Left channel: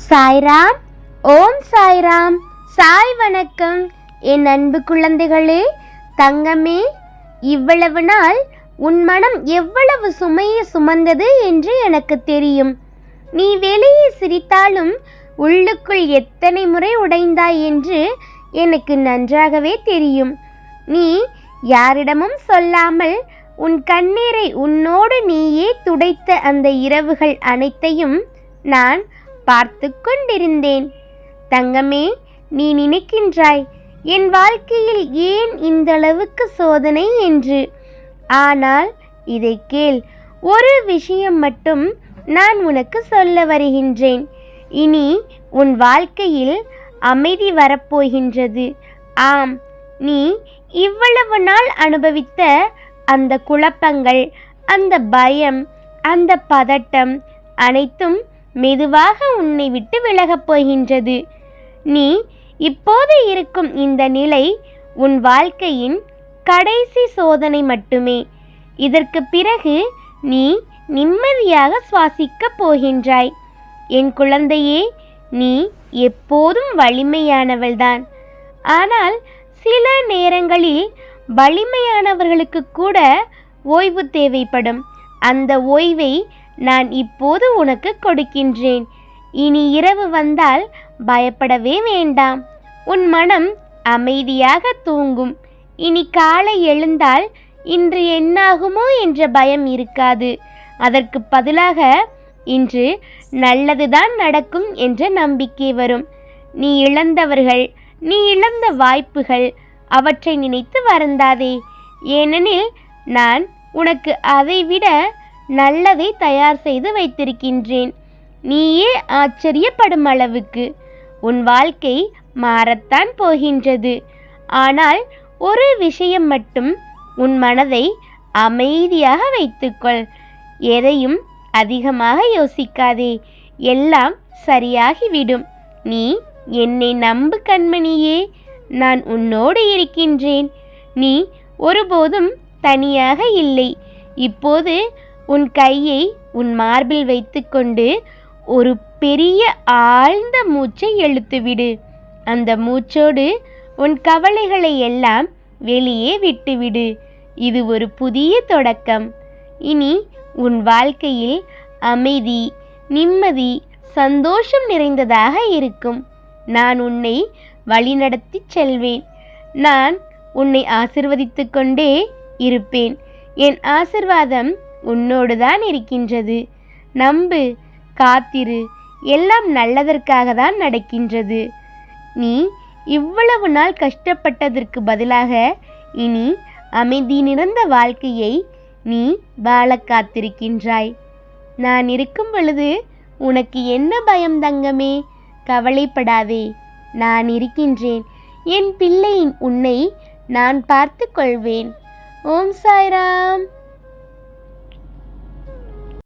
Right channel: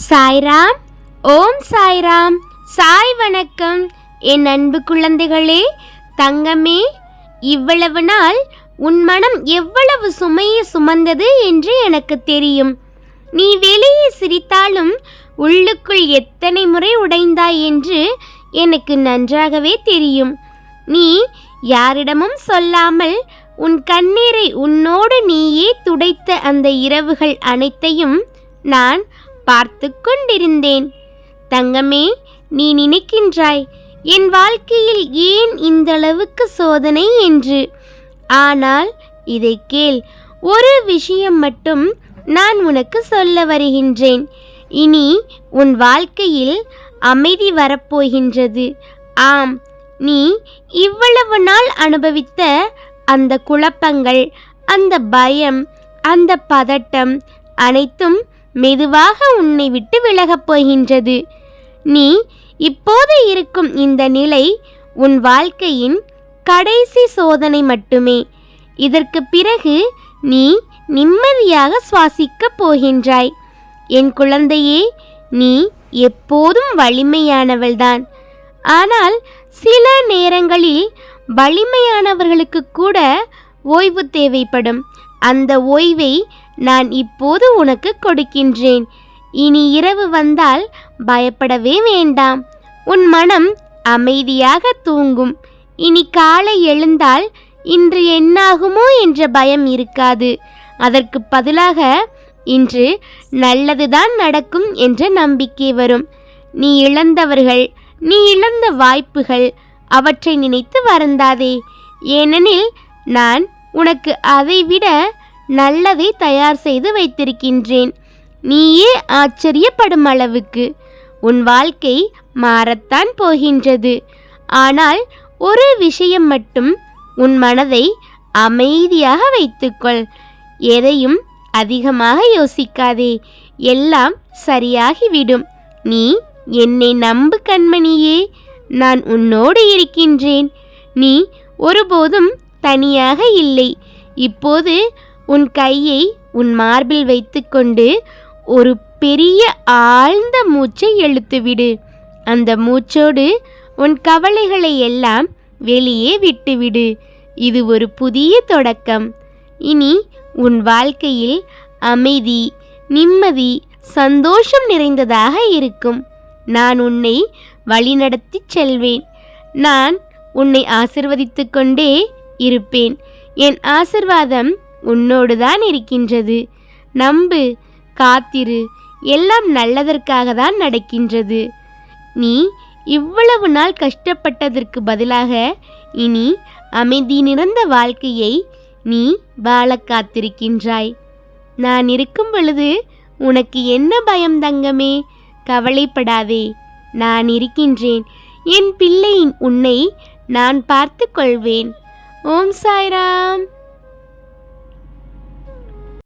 சாய்ராம். ஓம் சாய்ராம். சாய் வணக்கம். என் அன்பு குழந்தைகளே, தங்கமே, இவ்வளவு நாள் உன் மனம் எவ்வளவு சுமையை சுமந்தது என்று எனக்கு தெரியும். நீ வெளியே சிரித்தாலும் உள்ளுக்குள் எத்தனை முறை உடைந்தாய் என்று எனக்கு நன்றாகவே தெரியும். நீ யாரிடமும் சொல்லாமல் உன் கண்ணீரை உன்னோடு நீயே துடைத்த அந்த இரவுகள் அனைத்தையும் நான் பார்த்து கொண்டிருந்தேன். தங்கமே, நீ நினைக்கின்றாய் என் வாழ்க்கையில் ஏன் இந்தளவுக்கு சோதனை என்று. ஆனால் இதை கேள், ஒரு விஷயம் மட்டும் நான் உனக்கு சொல்ல வருகின்றேன். இனி உன் வாழ்க்கையில் அமைதி வரப்போகின்றது. ஆம், நீ இவ்வளவு நாள் அனுபவித்த அந்த குழப்பங்கள், அந்த பயம், அந்த பதட்டம் அனைத்தும் மெதுவாக உன்னை விட்டு விலகப் போகின்றது. நீ இப்போது இருக்கும் இந்த நிலை உன் வாழ்க்கையின் கடைசி சோதனை மட்டுமே. இதற்கு பிறகு நீ நிம்மதியாக சுவாசிக்கப் போகின்றாய். என் குழந்தையே, நீ எப்போதும் வலிமையானவள்தான். ஆனால் சில நேரங்களில் வலிமையானவர்களுக்கு கூட ஓய்வு தேவைப்படும். அந்த ஓய்வை நான் இப்போது உனக்கு கொடுக்கின்றேன். இனி இரவு வந்தால் பயப்படவே வேண்டாம். உன் மனம் அமைதியாக தூங்கும். இனி காலை எழுந்தால் இன்று என்னாகுமோ என்ற பயம் இருக்காது. அதற்கு பதிலாக இன்று நல்லதுதான் நடக்கும் என்ற நம்பிக்கை வரும். நீ இழந்தவர்கள், நீ இழந்த வாய்ப்புகள், அவற்றை நினைத்து வருந்தாதே. ஏனெனில் நான் உனக்கு அதைவிட நல்லதை தயார் செய்து வைத்திருக்கின்றேன். நீயே ஆச்சரியப்படும் அளவுக்கு உன் வாழ்க்கை மாறத்தான் போகின்றது. ஆனால் ஒரு விஷயம் மட்டும், உன் மனதை அமைதியாக வைத்துக்கொள். எதையும் அதிகமாக யோசிக்காதே. எல்லாம் சரியாகிவிடும். நீ என்னை நம்பு கண்மணியே. நான் உன்னோடு இருக்கின்றேன். நீ ஒருபோதும் தனியாக இல்லை. இப்போது உன் கையை உன் மார்பில் வைத்துக்கொண்டு ஒரு பெரிய ஆழ்ந்த மூச்சை இழுத்துவிடு. அந்த மூச்சோடு உன் கவலைகளை எல்லாம் வெளியே விட்டுவிடு. இது ஒரு புதிய தொடக்கம். இனி உன் வாழ்க்கையில் அமைதி, நிம்மதி, சந்தோஷம் நிறைந்ததாக இருக்கும். நான் உன்னை வழிநடத்தி செல்வேன். நான் உன்னை ஆசிர்வதித்து கொண்டே இருப்பேன். என் ஆசிர்வாதம் உன்னோடு தான் இருக்கின்றது. நம்பு, காத்திரு. எல்லாம் நல்லதற்காக தான் நடக்கின்றது. நீ இவ்வளவு நாள் கஷ்டப்பட்டதற்கு பதிலாக இனி அமைதி நிறைந்த வாழ்க்கையை நீ வாழ காத்திருக்கின்றாய். நான் இருக்கும் பொழுது உனக்கு என்ன பயம் தங்கமே? கவலைப்படாதே, நான் இருக்கின்றேன். என் பிள்ளையின் உன்னை நான் பார்த்து கொள்வேன். ஓம் சாய்ராம்.